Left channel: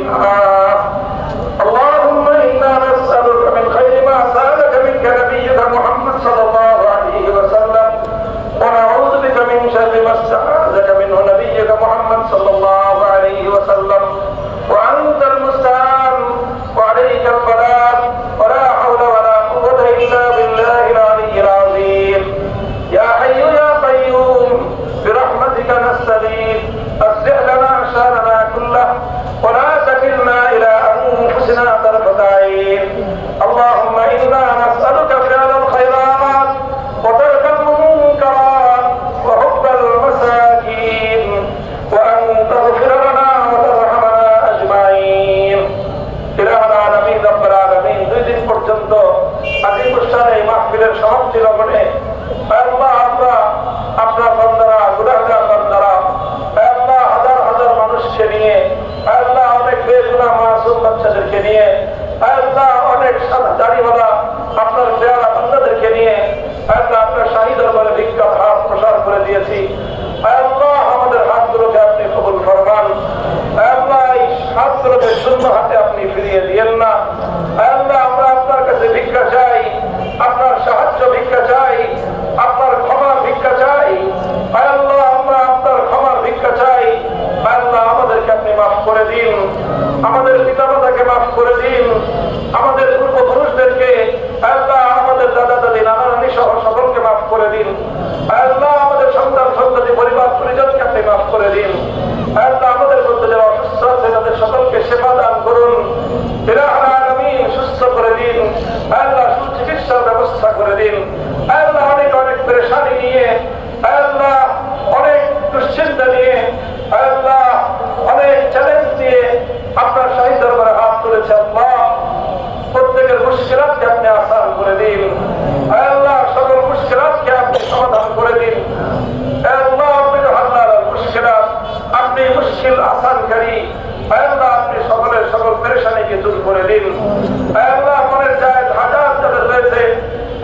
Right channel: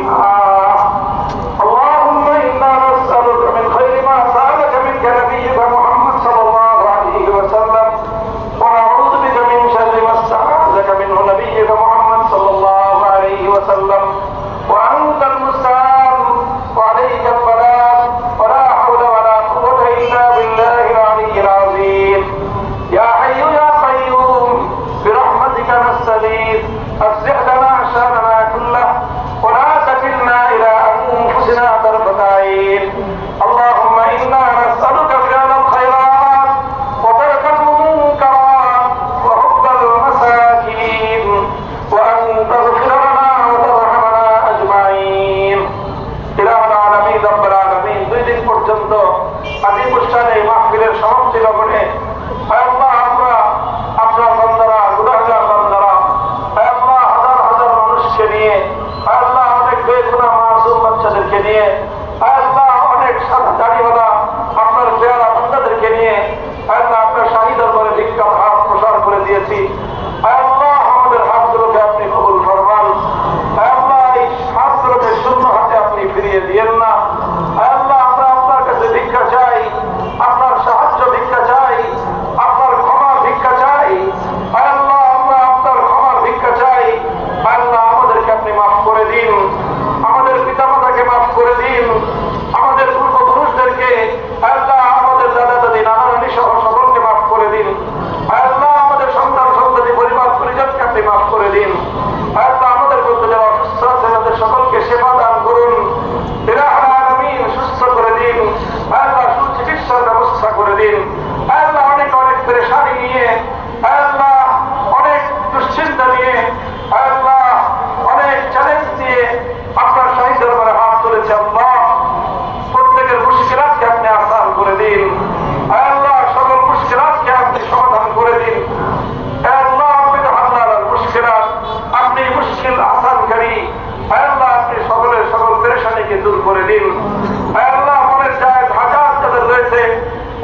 فيها. اللهم إنا نسألك من خير ما سألك منك نبيك محمد صلى الله عليه وسلم، ونعوذ بك من شر ما استعاذك منه نبيك محمد صلى الله عليه وسلم، وأنت المستعان وعليك البلاغ، ولا حول ولا قوة إلا بالله العلي العظيم. يا حي يا قيوم برحمتك نستغيث، أصلح لنا شأننا كله ولا تكلنا إلى أنفسنا طرفة عين. اللهم إنا نسألك فعل الخيرات وترك المنكرات وحب المساكين، وأن تغفر لنا وترحمنا أجمعين. ইলাহুল আলামিন রব্বুল আলামিন, 2 দিন পর্যন্ত আদি অনুষ্ঠানে এই মাহফিলের সমাপ্তি লগ্নে আল্লাহ আমরা আপনার বান্দারা, গুনাহগার বান্দারা, আল্লাহ হাজার হাজার মানুষকে নিয়ে, আল্লাহ অনেক বেগুনাহ মাসুম বাচ্চাদেরকে নিয়ে, আল্লাহ অনেক সাদা দাড়িওয়ালা আপনার পেয়ারা বান্দাদেরকে নিয়ে আল্লাহ আপনার শাহী দরবারে ভিক্ষার হাত প্রসার করে দিয়েছি। আল্লাহ আমাদের হাতগুলোকে আপনি কবুল ফরমান। আল্লাহ এই হাতগুলোকে শূন্য হাতে আপনি ফিরিয়ে দিয়েন না। আল্লাহ আমরা আপনার কাছে ভিক্ষা চাই, আপনার সাহায্য ভিক্ষা চাই, আপনার ক্ষমা ভিক্ষা চাই। আল্লাহ আমরা আপনার ক্ষমার ভিক্ষা চাই। আল্লাহ আমাদেরকে আপনি মাফ করে দিন, আমাদের পিতামাতাকে মাফ করে দিন, আমাদের পূর্বপুরুষদেরকে, আল্লাহ আমাদের দাদা দাদি নানা নানি সহ সকলকে মাফ করে দিন। আল্লাহ আমাদের সন্তান সন্ততি পরিবার পরিজনকে আপনি মাফ করে দিন। আল্লাহ আমাদের মধ্যে যারা অসুস্থ আছে তাদের সকলকে সেবা দান করুন। ইলাহুল আলামিন সুস্থ করে দিন। আল্লাহ সুচিকিৎসার ব্যবস্থা করে দিন। আল্লাহ অনেক অনেক পেরেশানি নিয়ে, আল্লাহ অনেক দুশ্চিন্তা নিয়ে, আল্লাহ অনেক চ্যালেঞ্জ নিয়ে আপনার শাহী দরবারে হাত তুলেছে। আল্লাহ প্রত্যেকের মুশকিলাতকে আপনি আসান করে দিন। আল্লাহ সকল মুশকিলাতকে আপনি সমাধান করে দিন। আল্লাহ আপনি তো হাল্লাল মুশকিলাত, আপনি মুশকিল আসানকারী। আল্লাহ আপনি সকলের সকল পেরেশানিকে দূর করে দিন। আল্লাহ মনের জায়েজ হাজাত যাদের রয়েছে,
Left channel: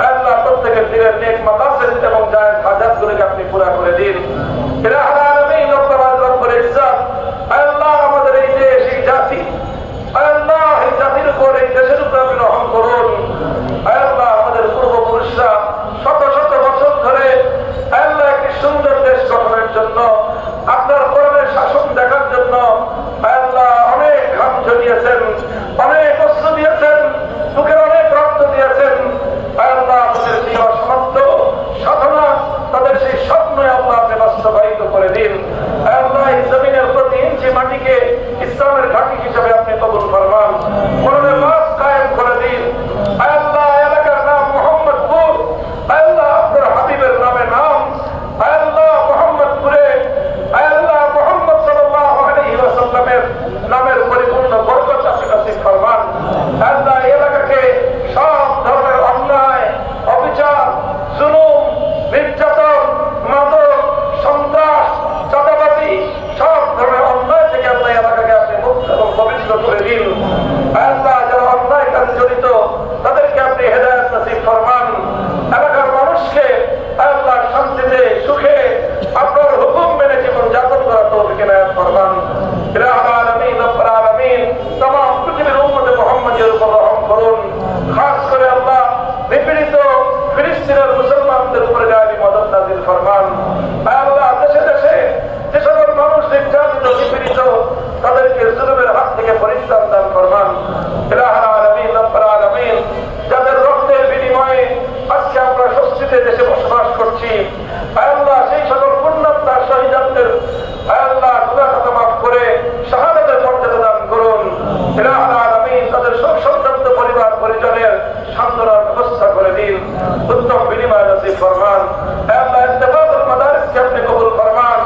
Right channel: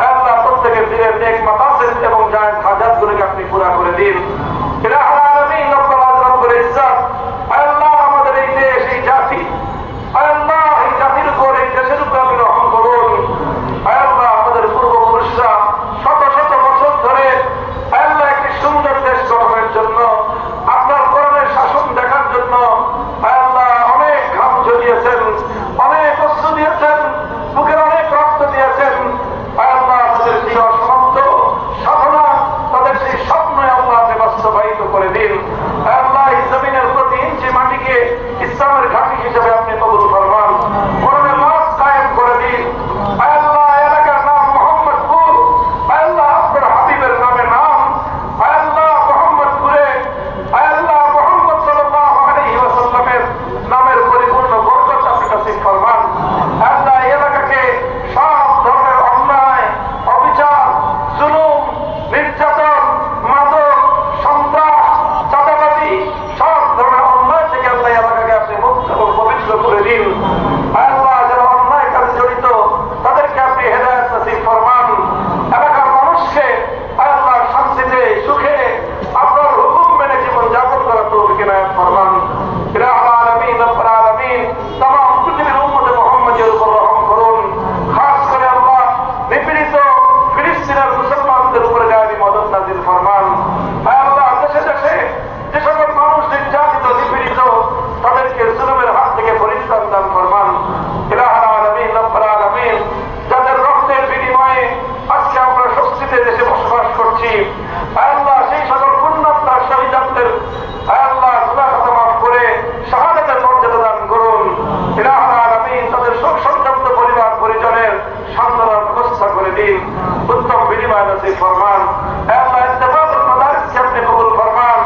আল্লাহ প্রত্যেকের দিনের নেক মাকাসিদ এবং জায়েজ হাজাতগুলোকে আপনি পুরা করে দিন। ইলাহুল আলামিন রব্বুল ইজ্জত, আল্লাহ আমাদের এই দেশ, এই জাতি, আল্লাহ এই জাতির উপর, এই দেশের উপর আপনি রহম করুন। আল্লাহ আমাদের পূর্বপুরুষরা শত শত বছর ধরে আল্লাহ একটি সুন্দর দেশ গঠনের জন্য, আপনার কোরআনের শাসন দেখার জন্য আল্লাহ অনেক ঘাম ঝরিয়েছেন, অনেক অশ্রু দিয়েছেন, বুকের অনেক রক্ত দিয়েছেন। আল্লাহ তাদের সেই অসমাপ্ত সাধনা, তাদের সেই স্বপ্ন আল্লাহ আপনি বাস্তবায়িত করে দিন। আল্লাহ এই জমিনের প্রতি ইঞ্চি মাটিকে ইসলামের ঘাঁটি হিসেবে আপনি কবুল ফরমান। কোরআনের মাস কায়েম করে দিন। আল্লাহ এলাকার নাম মোহাম্মদপুর, আল্লাহ আপনার হাবিবের নামে নাম, আল্লাহ মোহাম্মদপুরে আল্লাহ মুহাম্মদ সাল্লাল্লাহু আলাইহি ওয়াসাল্লামের নামের পরিপূর্ণ বরকত আপনি নসিব ফরমান। আল্লাহ এলাকাকে সব ধরনের অন্যায়, অবিচার, জুলুম, নির্যাতন, মাদক, সন্ত্রাস, চাঁদাবাজি, সব ধরনের অন্যায় থেকে আল্লাহ এলাকাকে আপনি মুক্ত এবং পবিত্র করে দিন। আল্লাহ যারা অন্যায় কাজে জড়িত তাদেরকে আপনি হেদায়েত নসিব ফরমান। এলাকার মানুষকে আল্লাহ শান্তিতে, সুখে, আপনার হুকুম মেনে জীবন যাপন করা তৌফিক এনায়েত ফরমান। ইলাহুল আলামিন রব্বুল আলামিন तमाम পৃথিবীর উম্মতে মুহাম্মাদের উপর রহম করুন। খাস করে আল্লাহ নিপীড়িত ফিলিস্তিনের মুসলমানদের উপরে গায়বী মদদ নাযিল ফরমান। আল্লাহ দেশে দেশে যে সকল মানুষ নির্যাতিত, নিপীড়িত, তাদেরকে জুলুমের হাত থেকে পরিত্রাণ দান ফরমান। ইলাহুল আলামিন রব্বুল আলামিন যাদের রক্তের বিনিময়ে আজকে আমরা স্বস্তিতে দেশে বসবাস করছি, আল্লাহ সেই সকল পুণ্যাত্মা শহীদদের আল্লাহ গুনাহ খাতা মাফ করে শাহাদাতের মর্যাদা দান করুন। ইলাহুল আলামিন তাদের শোক সন্তপ্ত পরিবার পরিজনের সান্ত্বনার ব্যবস্থা করে দিন, উত্তম বিনিময় নসিব ফরমান। আল্লাহ ইত্তেফাকুল মাদারিসকে আপনি কবুল ফরমান।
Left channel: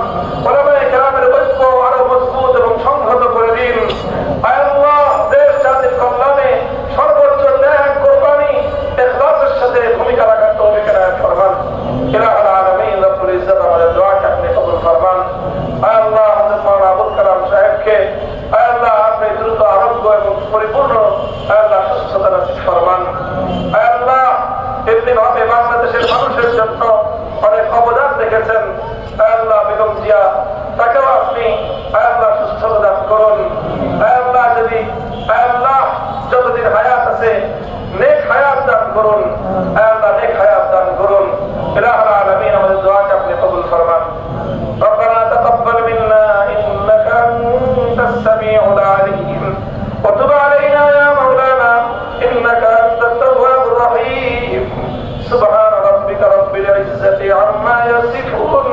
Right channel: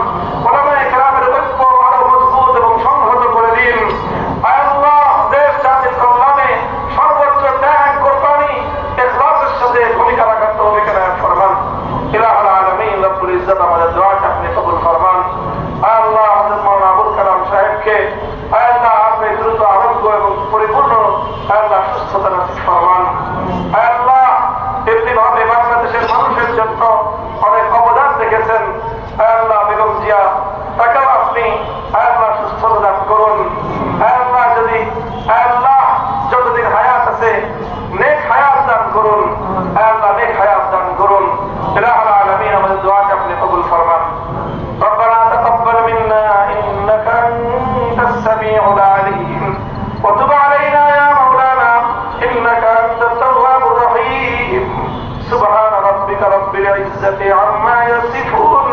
উলামায়ে কেরামের ঐক্য আরো মজবুত এবং সংহত করে দিন। আল্লাহ দেশ জাতির কল্যাণে সর্বোচ্চ ত্যাগ, কোরবানি, ইখলাসের সাথে ভূমিকা রাখার তৌফিক এনায়েত ফরমান। ইলাহুল আলামিন রব্বুল ইজ্জত আমাদের দোয়াকে আপনি কবুল ফরমান। আল্লাহ হযরত মাওলানা আবুল কালাম সাহেবকে আল্লাহ আপনি দ্রুত আরোগ্য এবং পরিপূর্ণ আল্লাহ সুস্থতা নসিব ফরমান। আল্লাহ এমনিভাবে বাংলাদেশের মানুষের জন্য অনেক অবদান রেখেছেন। আল্লাহ বেগম জিয়া, তাকেও আপনি আল্লাহ সুস্থতা দান করুন। আল্লাহ যদি আল্লাহ যতদিন হায়াত আছে নেক হায়াত দান করুন, আল্লাহ নেক হায়াত দান করুন। ইলাহুল আলামিন আমাদের দোয়াকে আপনি কবুল ফরমান। ربنا تقبل منا إنك أنت السميع العليم وتب علينا يا مولانا إنك أنت التواب الرحيم سبحان ربك رب العزة عما يصفون